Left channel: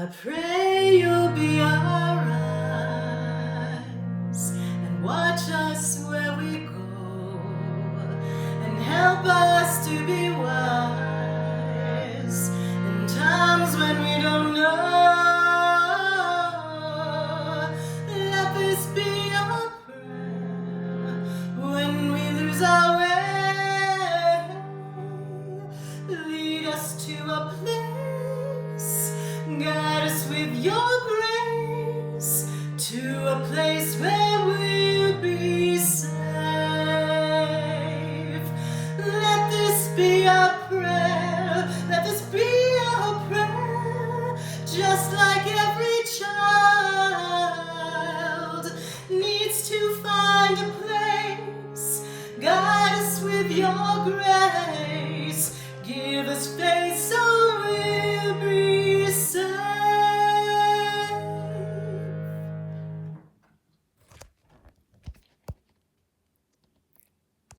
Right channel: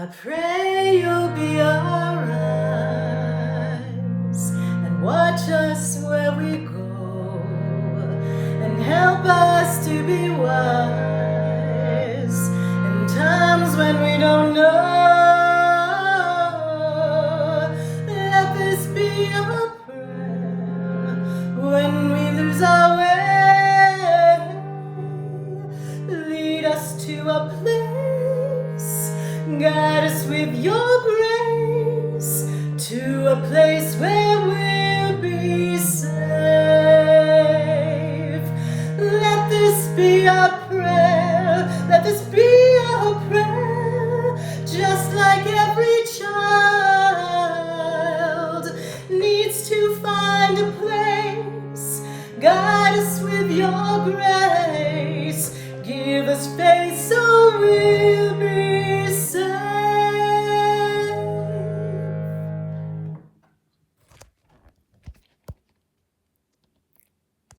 I pray you'll be our eyes and watch us where we go and help us to be wise in times when we don't know. Let this be our prayer when we lose our way. Lead us to a place, guide us with your grace, to a place where we'll be safe. Let this be our prayer, let this be our prayer, just like every child needs to find a place. Guide us with your grace, give us faith so